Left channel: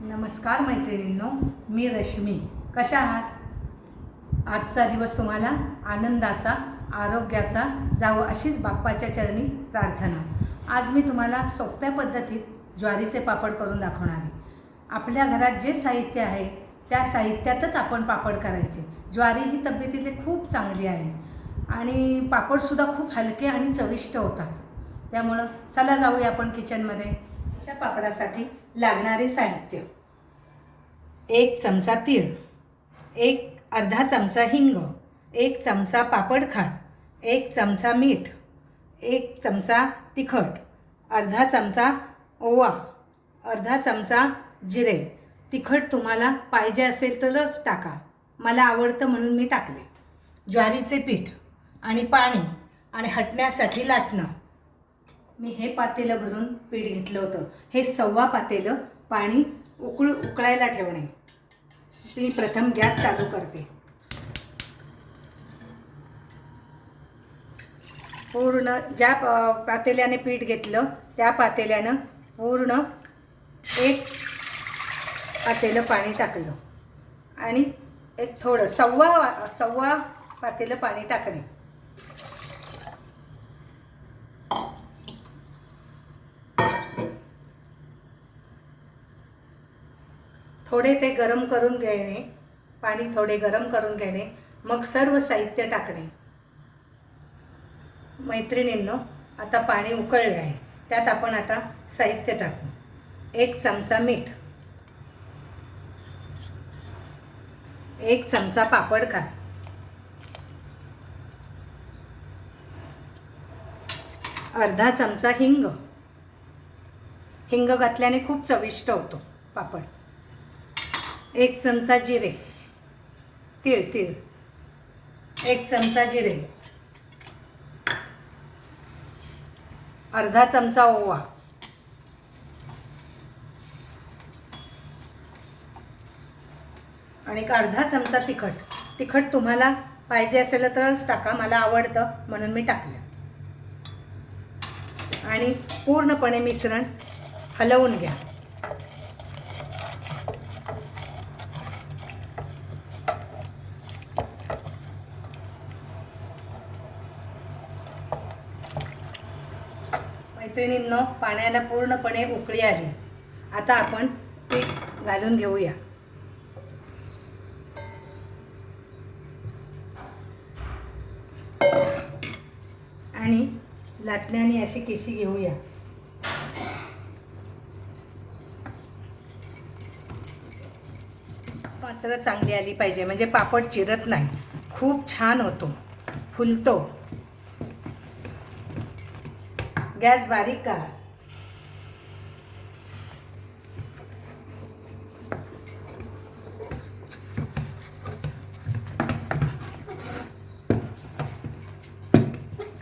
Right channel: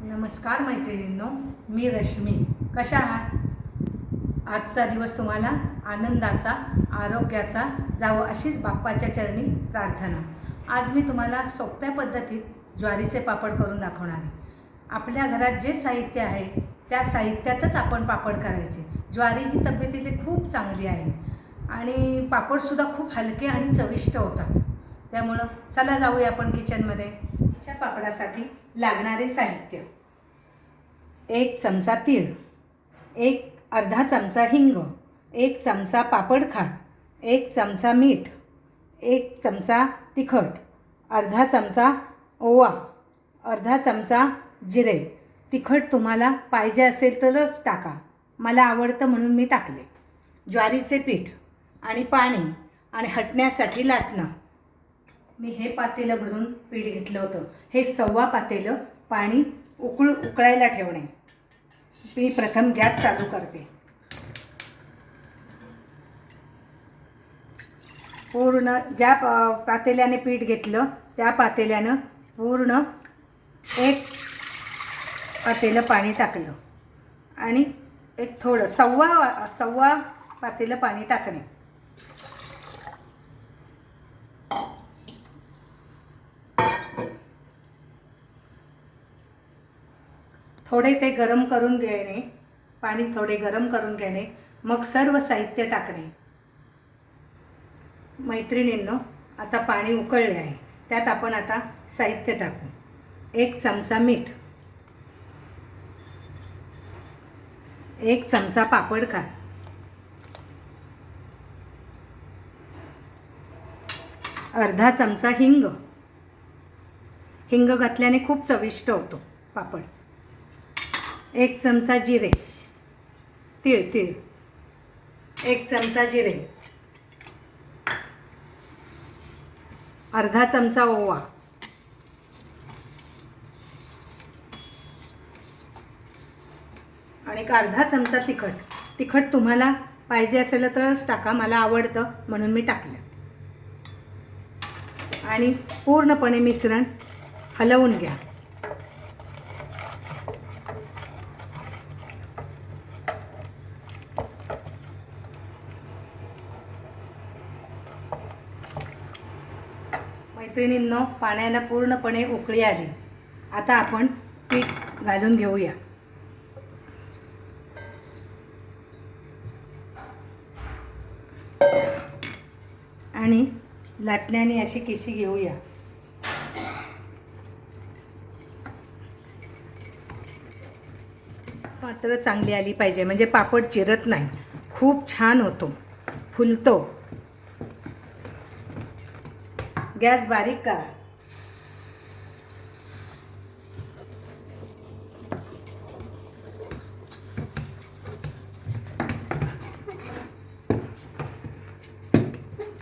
नमस्कार मैत्रिणींनो मी रश्मी. कशा आहात? आजचा दिवस तुम्हाला आनंदाचा आरोग्याचा जावं अशीच बाप्पाच्या चरणी प्रार्थना. आज मी तुम्हाला सोप्या पद्धतीत ज्वारीचे पापड करून दाखवणार आहे. आपल्या घरात जे साहित्य आहे त्या साहित्यातच आपण पापड करायचे. ज्वारी ही तब्येतीतली खूप चांगली आहे. आणि पापडसुद्धा खूप हलके आणि चविष्ट होतात. त्यामुळं चला जाऊया आपण किचनमध्ये च्या पापडासाठी लागणारे साहित्य. एक चमचा तीळ एक अर्धा चमचा हिंग एक चमचा पापडखार एक चमचा मीठ एक चमचा तिखट अर्धा चमचा ओवा अर्धा चमचा जिरे. तिखट तुम्हाला पाहिजे असेल तरच टाका. मला आवडतं म्हणून मी टाकले. ज्वारीचे पीठ आणि पाणी आणि हटण्यासाठी लाटणं. मी हे पातेलं भरून पीठ घेतलं होतं. हे सव्वा पातेलं पाणी उकळू उकळायला ठेवणे. मी प्रथम गॅस चालू करते. पूर्ण ज्या पातेल्याने पीठ घेतलं त्या पातेल्यानं पूर्ण एक पातेलं पाणी टाकलं. आणि एक थोडं सव्वा वा- सव्वा पातेलं पाणी टाकणे. थोडे ते गरम करून घेणे पाणी थोडे गरम करून घेणे. मग सर्व साहित्य टाकणे. मैत्रिणींनो आता पाणी उकळले आहे. त्यात आपण आता साहित्य टाकू. एक चमचा मीठ. एक चमचा पापड खा. अर्धा चमचा हिंग. हिंग घातल्याने खूप चविष्ट होतो पापड. एक चमचा जिरे. तीळ तीळ. एक चमचा जिरे. अर्धा चमचा ओवा. आणि एक अर्धा चमचा तिखट. तिखट तुम्हाला पाहिजे असेल तरच टाका मला आवडतं म्हणून मी टाकलं. आणि पूर्णपणे मिश्रण हलवून घ्या. मैत्रिणींनो पाण्याला पूर्णपणे उकळी आली. आता आपण पीठ घालून घेऊया. आणि लाटण्याने अशी किसी घेऊया. मात्र चांगली आली पाहिजे म्हणजे पापड चिरत नाही. खूप छान होतो. फुलतो. गॅस बारीक करा.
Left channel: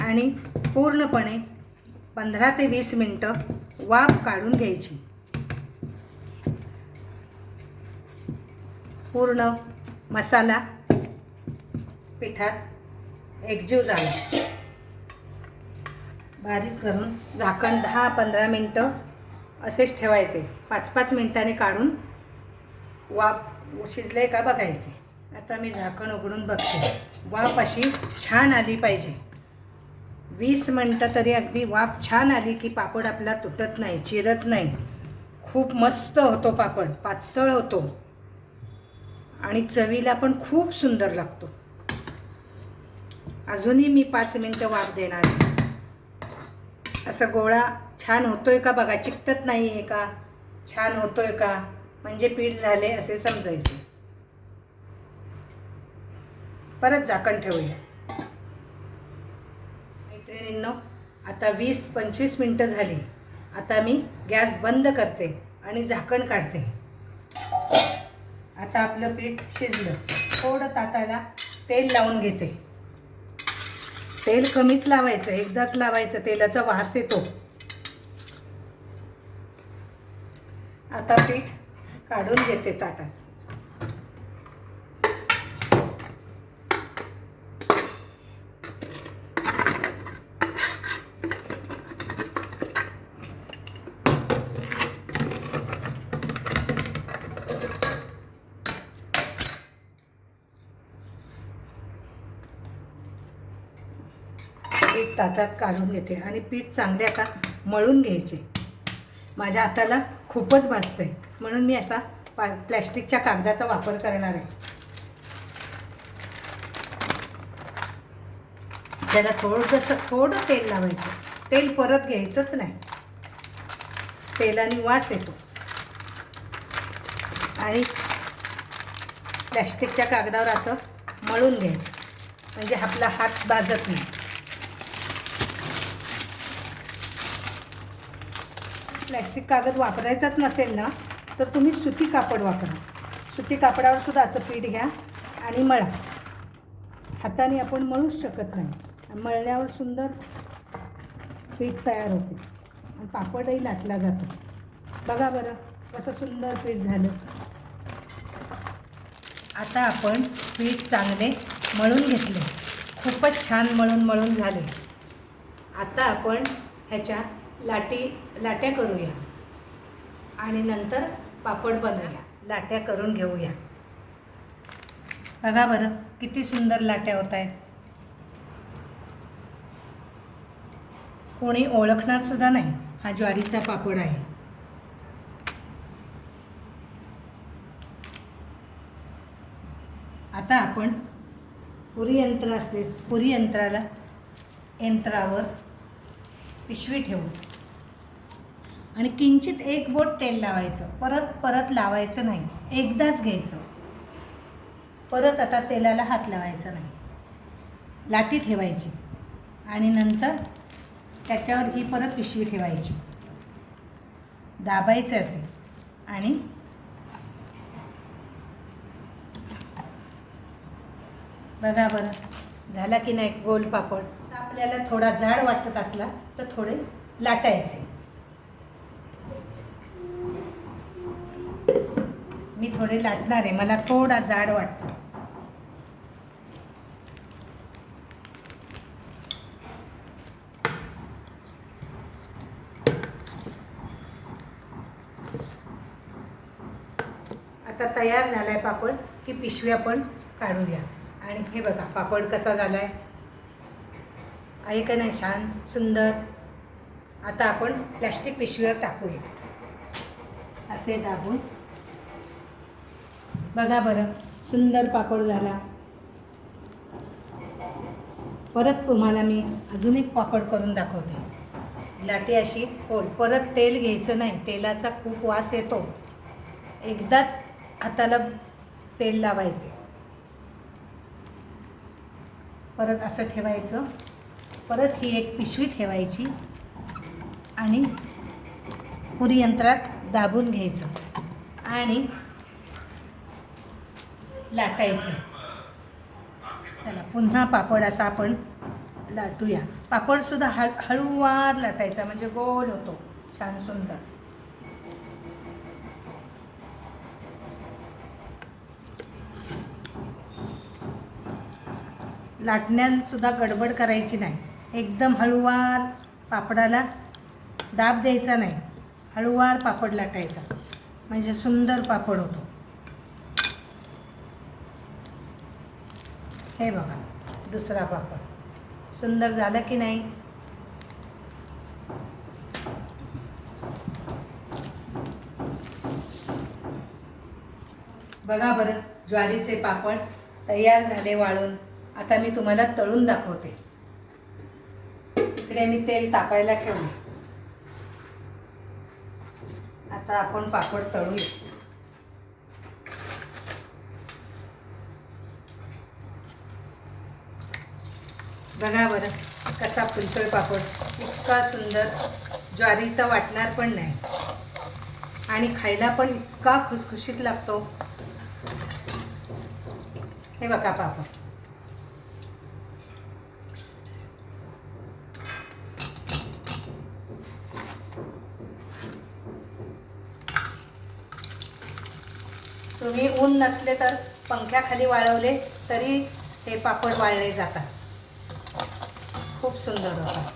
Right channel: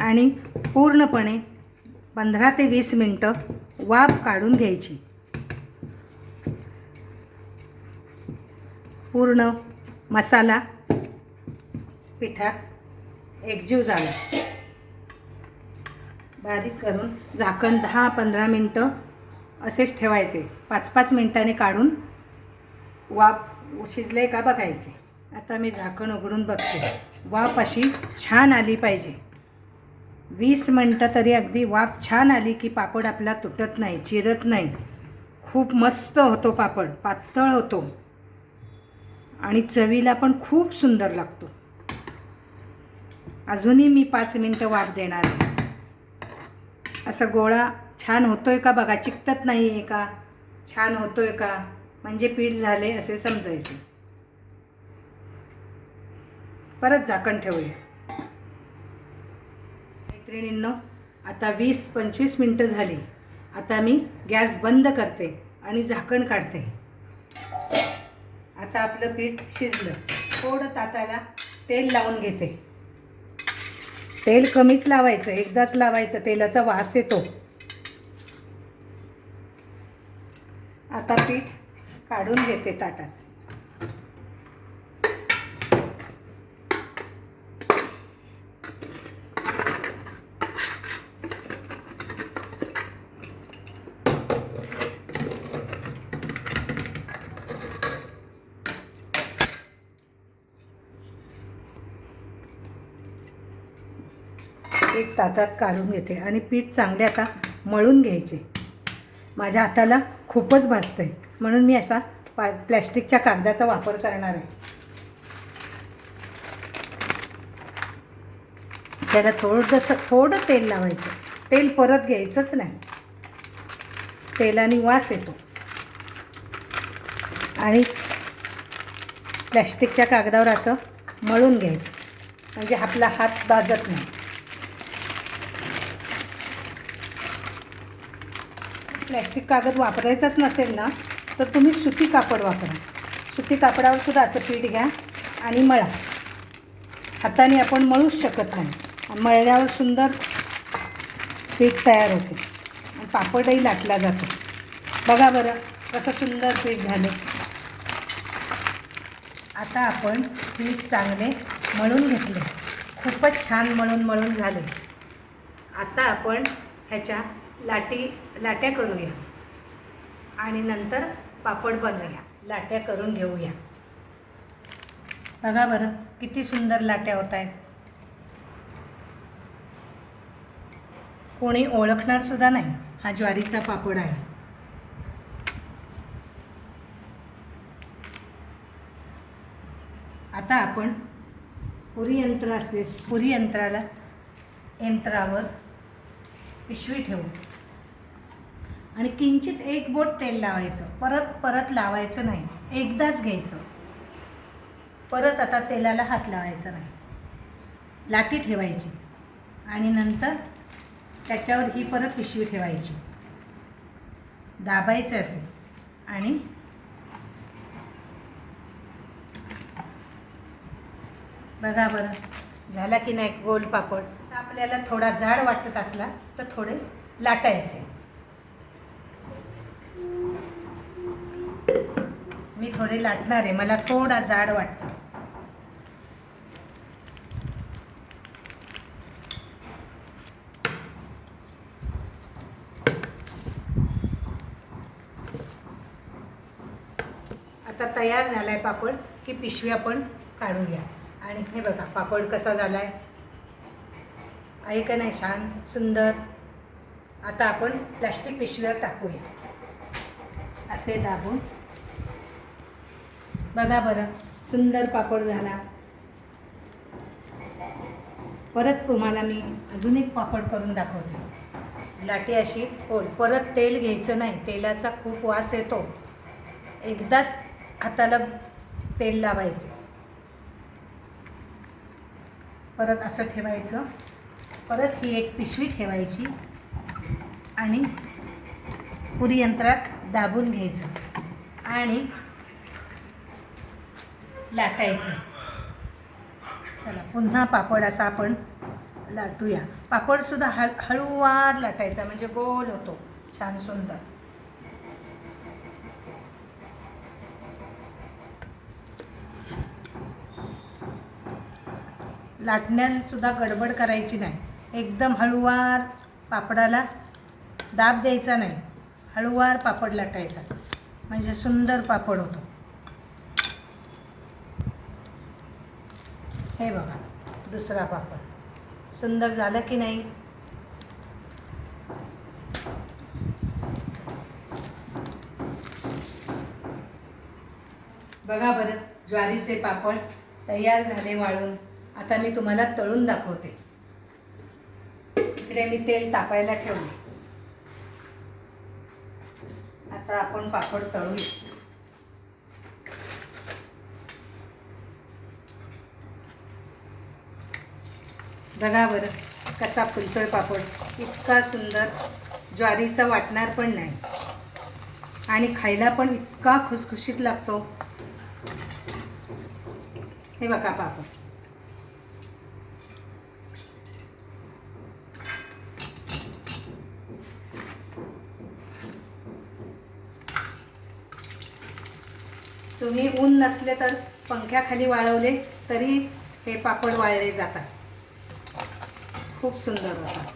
आणि पूर्णपणे पंधरा ते वीस मिनटं वाफ काढून घ्यायची. पूर्ण मसाला पिठात एकजीव झाला. बारीक करून झाकण दहा पंधरा मिनटं असेच ठेवायचे. पाच पाच मिनटाने काढून वाफ शिजले का बघायचे. आता मी झाकण उघडून बघते. वाफ अशी छान आली पाहिजे. वीस मिनटं तरी अगदी वाफ छान आली की पापड आपला तुटत नाही चिरत नाही. खूप मस्त होतो पापड पातळ होतो. आणि चवीला पण खूप सुंदर लागतो. अजूनही मी पाच मिनटं वाफ देणार आहे. असं गोळा छान होतोय का बघा? चिकटत नाही आहे का? छान होतोय का? म्हणजे पीठ झाले असे समजायचे. परत झाकण ठेवूया. मैत्रिणींनो आता वीस पंचवीस मिनटं झाली. आता मी गॅस बंद करते आणि झाकण काढते. आता आपलं पीठ शिजलं. थोडं ताताला तेल लावून घेते. तेल कमीच लावायचं एकदाच लावायचं तेलाचा वास येतो. आता पीठ काढून घेते ताटात. ताटात काढून घेते आणि पीठ चांगले आता मळून घ्यायचे. माझ्या हाताला खूपच भासतं आहे म्हणून मी आता पा प्लॅस्टिकच्या कागदाचा वापर करणार आहे. त्याला थोडंसं थोडं तेल लावायचं. तेल परत घ्यायचंच नाही. तेलाने वास येतो. आणि प्लॅस्टिकच्या कागदावर असं मळून घ्यायचं. म्हणजे आपला हात बाजत नाही. प्लॅस्टिक कागद वापरायचाच नसेल ना तर तुम्ही सुती कापड वापरा. सुती कापडावर सुद्धा असं पीठ घ्या आणि मळा. हाताने आपण मळूच शकत नाही. मळल्यावर सुंदर पीठ तयार होते. पापडही लाटला जातो. बघा बरं कसं सुंदर पीठ झाले. आता आपण पीठ चांगले मळून घेतले. खूपच छान मळून मळून झाले. आता आपण ह्याच्या लाटी लाट्या करूया. आणि नंतर पापड बनवूया. लाट्या करून घेऊया. बघा बरं किती सुंदर लाट्या होत आहेत. कोणी ओळखणार सुद्धा नाही हा ज्वारीचा पापड आहे. आता आपण पुरी यंत्र असले पुरी यंत्राला यंत्रावर पिशवी ठेवू. आणि किंचित एक बोट तेल लावायचं. परत परत लावायचं नाही. एकदाच घ्यायचं. परत आता तेलाला हात लावायचा नाही. लाटी ठेवायची. आणि नंतर त्याच्यावर ही परत पिशवी ठेवायची. दाबायचे असे. आणि बघा बरं झाला की नाही गोल पापड? तर आपल्याला थोडा जाड वाटत असला तर थोडे लाटायचे. थोडे लाटणार आहे मला थोडा जाड वाटतं. आता तयार झाला आहे पापड की पिशवी आपण काढूया. आणि हे बघा पापड कसा झाला आहे आहे का नाही छान? सुंदर? आता आपण प्लॅस्टिक पिशवीवर टाकूया. असे दाबून बघा बरं सुंदर पापड झाला. परत तुम्हाला मी अजून एक पापड करून दाखवते. लाटी अशी होल परत तेल घ्यायचं नाही तेलाचा खूप वास येतो. एकदाच हाताला तेल लावायचे. परत असं ठेवायचं. परत ही एक पिशवी ठेवायची आणि पुरी यंत्रात दाबून घ्यायचं. आणि लाटायचं. चला पुन्हा पापड असा आपण लाटूया. पापडसुद्धा हळ हळूवार लाटायचा म्हणजे गोल होतो. छान सुंदर. लाटण्यासुद्धा गडबड करायची नाही. एकदम हळूवार पापडाला दाब द्यायचा नाही. हळूवार पापड लाटायचा. म्हणजे सुंदर पापड होतो. हे बघा दुसरा पापड सुंदर झालं की नाही? बघा बरं ज्वारीचे पापड तयार झाले वाळून. आता मी तुम्हाला तळून दाखवते. इकडे मी तेल तापायला ठेवले. आता आपण पापड तळूया. बघा बरं कसा फुलतोय पापड. इतका सुंदर ज्वारीचा वाटणार पण नाही. आणि खायला पण इतका खुसखुशीत लागतो. हे बघा पापड. तुम्ही ऊन नसले तर पंख्याखाली वाळवले तरी हे पापड वाळले जातात. खूप सुंदर होता.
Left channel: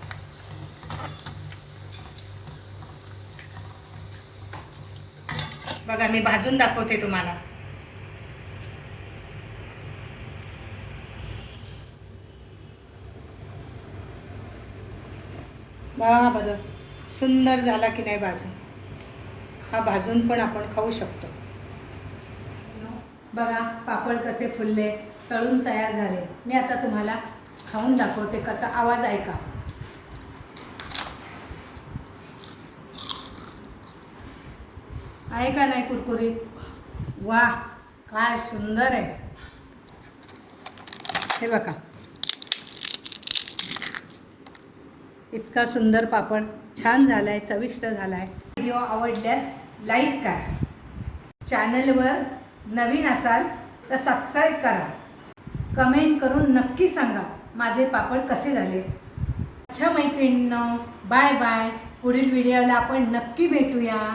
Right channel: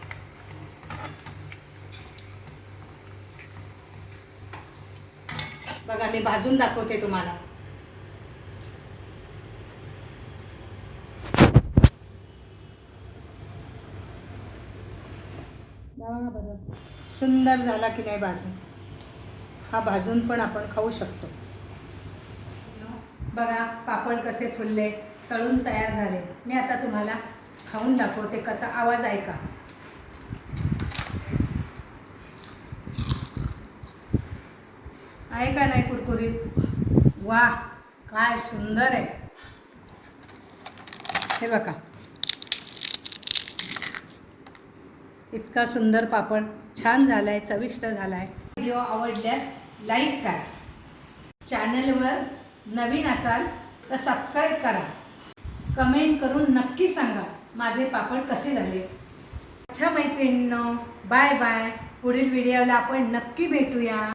बघा मी भाजून दाखवते तुम्हाला. बघा बरं सुंदर झाला की नाही भाजून. हा भाजून पण आपण खाऊ शकतो. बघा पापड कसे फुलले तळून तयार झाले. मी आता तुम्हाला खाऊन दाखवते कसा आवाज ऐका आहे का नाही कुरकुरीत? वा काय सुंदर आहे. हे बघा. इतका सुंदर पापड छान झाला आहे चविष्ट झाला आहे व्हिडिओ आवडल्यास लाईक करा. चॅनलवर नवीन असाल तर सबस्क्राईब करा. कमेंट करून नक्की सांगा. माझे पापड कसे झाले? अच्छा मैत्रिणींनो बाय बाय पुढील व्हिडिओला आपण नक्की भेटूया.